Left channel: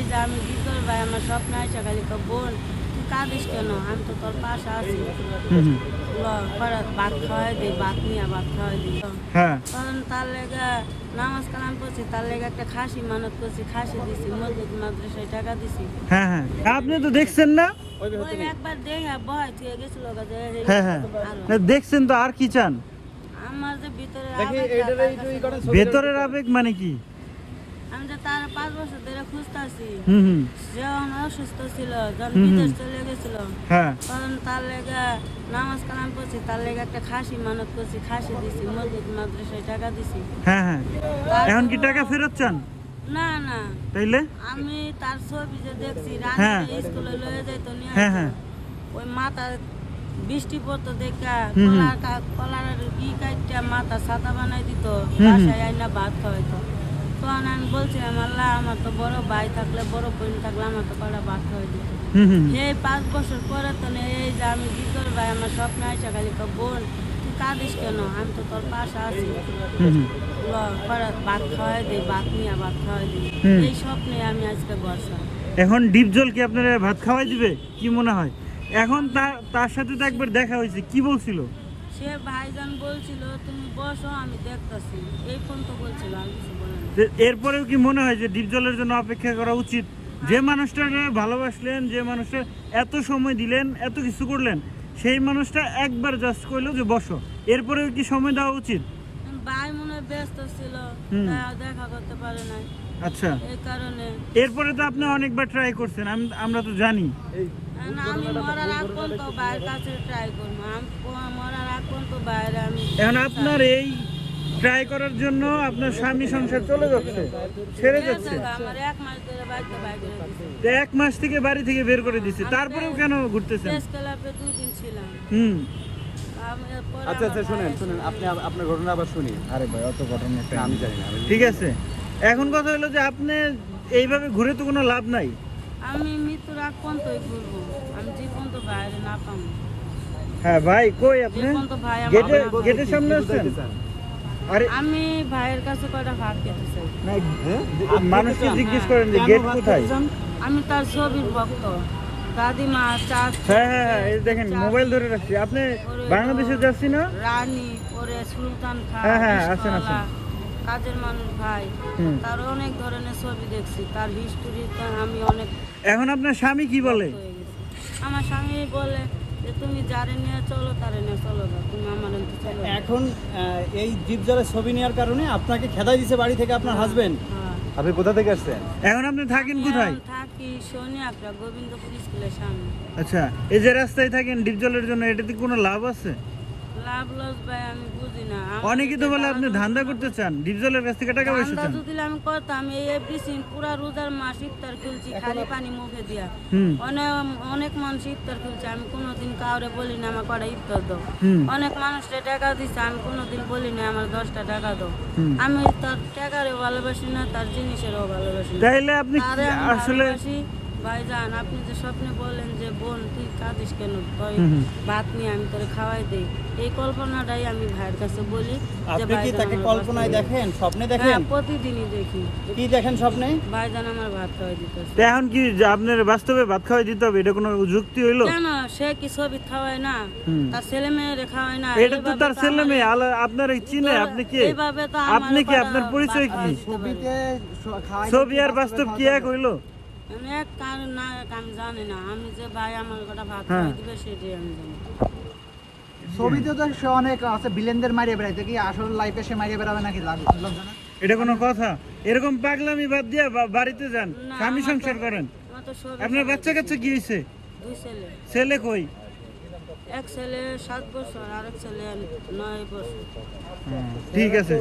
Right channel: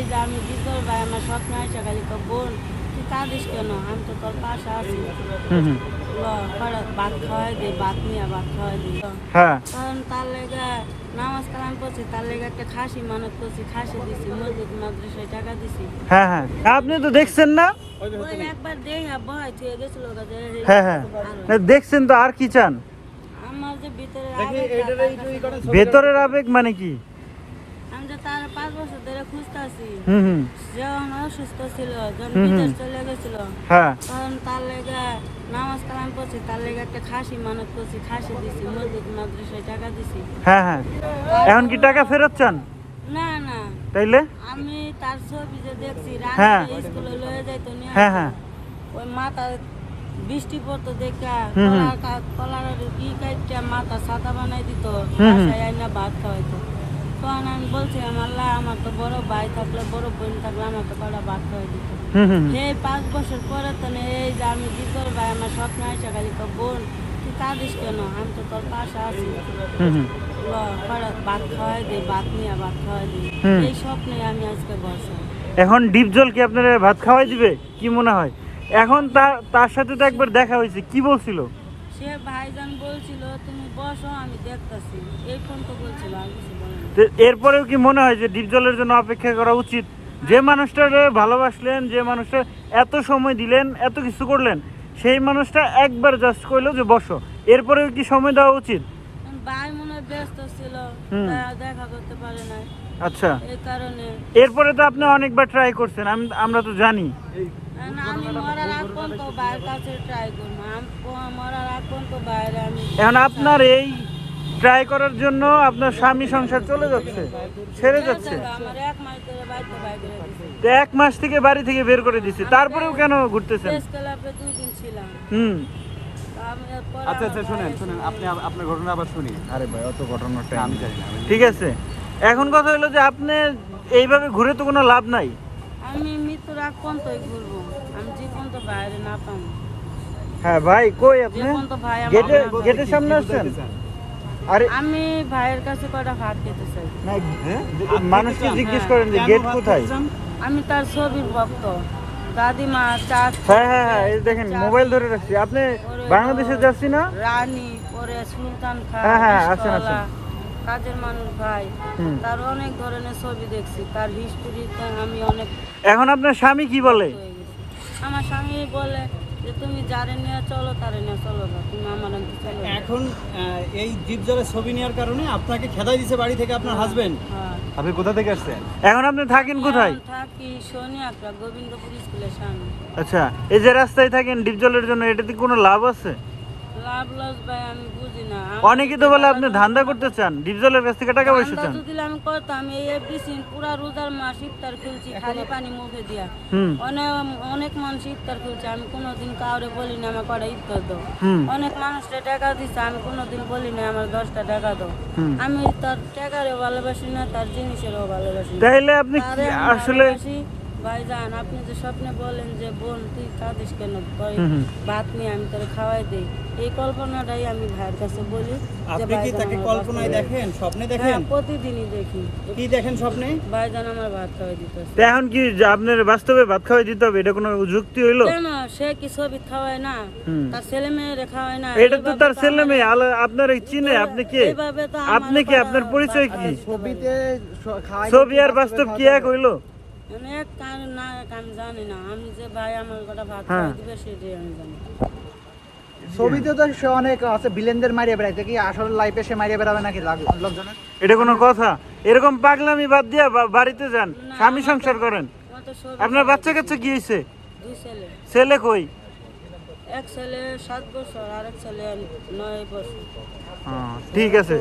এই যে আমি বিজল ভাই আমার স্বপ্নে আইসা খালি তো বোন তুই কাঁদিস কেন, আমি তো তোর পাশে আছি, ভাত খাওয়াই দিই, ভাত নিয়ে ভাত খাওয়াই দিই। হ্যাঁ তখন তার লেগে নামাজ কালাম করছি, তার লেগে একটা খাসি মানত করছি, খাসি দিছি, মসজিদ মাদ্রাসায় টাকা দিছি। হ্যাঁ হ্যাঁ আপনি তো দেখছেন না? ওই একবার দেখা ভয় থেকে গেছিল হ্যাঁ হ্যাঁ দেখছেন তো, আর কি চান? আমার যে ভেতরের আবেগ মানে কি? আমি তো তার 5 বছর ধরে খুঁজতেছি, হুম যখন অসুস্থ ছিল, যখন বিদেশ চলে গেছিল, হ্যাঁ তখন তার লেগে নামাজ কালাম করছি, তার লেগে একটা খাসি মানত করছি, খাসি দিছি, মসজিদ মাদ্রাসায় টাকা দিছি। হ্যাঁ হ্যাঁ এখন কি টাকা ফেরত চান? না না, তাইলে আমি তার ছবি যে দেখছি, হ্যাঁ। রানী স্কুলে লয়ে যাইতো নিয়ে হ্যাঁ হ্যাঁ ওই মাথা বৃষ্টি পড়তো দেখা হুম। কলার কি কাইটা মাথা সাদা বানাই দিত, হুম। বাসায় আইনা ভাত খাওয়াইতো। তখন আমি বলছিলাম আল্লাহ আমার তো বড় ভাই থাকলে, বড় বোন থাকলে আমার তো কটা ভাত খাওয়াই দিত। হুম এই 5 বছর পরে তো এই যে আমি বিজল ভাই আমার স্বপ্নে আইসা খালি তো বোন তুই কাঁদিস কেন, আমি তো তোর পাশে আছি, ভাত খাওয়াই দিই, ভাত নিয়ে ভাত খাওয়াই দিই। এই স্বপ্নে আমি আজকে বসা। এখন ডিপজল কি আপনারা ভাত খাওয়াই দিবে কি মনে হয়? এখন তার সাথে তো একবার দেখা হয়েছে, কি বলছিল? সে ভাইজান বলছিল তুমি বসো আমি দেখতেছি, এই ফোন তো বলছিল, আর কিছু বলে না। এরপরেও কি মনে হয় যে ডিপজলের জন্য অপেক্ষা করা উচিত? যে মানুষটারে ভালোবাসলেন, যে মানুষটা এত সময় দিলেন, এত কিছু করলেন, সেই মানুষটা একবার জাস্ট কইলো যে বসো, এরপরেও কি সময় দেওয়া উচিত? ভাই মনে হয় ব্যস্ত ছিল, দেখা করতে পারে না, আচ্ছা এই কারণে। এরপরে তো আপনি অনেকবার ট্রাই করছেন, আমরা তো জানি। আমি মরার আগ পর্যন্ত ভাইয়ের কাছে ট্রাই করবো, মরার আগ পর্যন্ত বাইরে আমি। এখন আপনার এই ট্রাই করার জন্য আপনার স্বামী সংসার চলে যাচ্ছে, ছেড়ে যাচ্ছে। আমার 1 মাস ধরে বাড়িতে বাইরে দিছে, তো 1 মাস থেকে বাড়ি থেকে বের করে দিচ্ছে, তারপরেও কেন ঘুরতেছেন? প্রেস ক্লাবে 2 দিন ছিলাম। ঠিক আছে, এখন কথা হলো যে আপনি এইভাবে ঘুরে তো কোনো লাভ নাই। আমি মৃত্যুর আগ পর্যন্তই ঘুরবো, আমি যে পর্যন্ত বাইরে না পাবো। হ্যাঁ ভাই কই আপনি? যে পর্যন্ত ভাই আমার গেটের সামনে আসছেন? আরে আমি ভাইয়ের কাছে কয়টা ভাত খেতে চাই। মানুষকে জিজ্ঞেস করেন যে গেট কোথায়? আমি তার ছবির ভক্ত, দাদিমা, চাচি। হ্যাঁ হ্যাঁ হ্যাঁ এই দেখেন মোবাইল ধরে রাখছি। আপনি বাংলাদেশে যাচ্ছি না? রানী, পরে সুলতান খান, হ্যাঁ হ্যাঁ আসেন আসেন। কাজের মানুষ ভাই, তার অনেক ধরনের ছবি দেখছি, তার হিস্টোরি আমি অনেক। এখন আপনার স্বামী কি বলে? আমার স্বামী বলে যে তুমি যারে নিয়ে চলো তারে নিয়ে চলো না, তুমি আমার অন্ত চলো। এখন এই ডিপজলের ছবি নেওয়ার কারণে আপনাকে খেদাই দিয়েছে বাড়ি থেকে আপনার হাজবেন্ড। আপনি কোথা থেকে আসছেন? এখন আপনি থাকেন কোথায়? থাকি সোনিয়াকড়া, গোবিন্দপুর স্কুলের সামনে। আচ্ছা এই যে রাস্তায় থাকেন ডিপজলের জন্য, এটাতে কোনো লাভ আছে? লাভ লস ভাই আমি বুঝি না। অনেকে তো বলে আপনি ধান্দা করতে চান, ডিপজলের কাছ থেকে টাকা পয়সা চান। যদি আমি করতাম এই এভরিথিং পুরা রোজার মাস ইফতার খুলছি খালি পানি মুখে দিয়া। অনেক মানুষ ইফতার খুলছে, আমি কোনোদিন কাউরে বলি না আমার কটা ইফতার দাও। অনেক মানুষটা টাকা দিচ্ছে, আমি কোনোদিন বলি না আমার 10টা টাকা দাও। আমি তার টাকারও ভালোবাসি না, তার জিনিসেরও ভালোবাসি না। তাইলে আপনি আসলে ভাইজান আপনি যে স্বপ্নে বলেন যে বোন তুই কাঁদিস কেন, ভাত নিয়ে আমি তোরে খাওয়াই দেই, এই কল্পনাটাই আমি ভাইয়ের কাছে বলি যে আপনি কি তাকে কল্পনায় দেখেন, স্বপ্নে দেখেন? হ্যাঁ প্রতিদিনই দেখি। কি দেখেন স্বপ্নে? ভাইজান আমার ভাত খাওয়াই দিতেছে। এখন কি আপনার বাস্তবে ভাত খাওয়াই দিতে হবে, এটা কোনো যুক্তি হইলো? কেন সে কি ছবি খাওয়ায় না, তার ছেলে মেয়েরে খাওয়ায় না? এটা তো তার ছেলে মেয়ে, আপনার চিনে? আপনি কে? আপনি কি? আপনার পরিচয় কি? ছবি আর বাস্তব কি এক হইলো? আমি এক কান না আমি জানি না, আমি যে ভাই আমার কটা ভাত খাওয়াই দিবে সেটাই আমি জানি। ছবিতে তো সে অনেক আছে ভিলেনদের মারিয়ে বেড়াইছে, কি আসলে লাইফে সে মারিয়ে বেড়াবে নাকি লোকজনের? এটা কোনো কথা? এরকম পাগলামি বাদ দিয়া বাড়িতে যান, স্বামী সংসার করেন। আপনার বাচ্চা কাচ্চা কি হয়েছে? 2 ছেলে। ছেলে কই? এক ছেলে 7 বছর আর এক ছেলে 9 বছর। ঠিক আছে।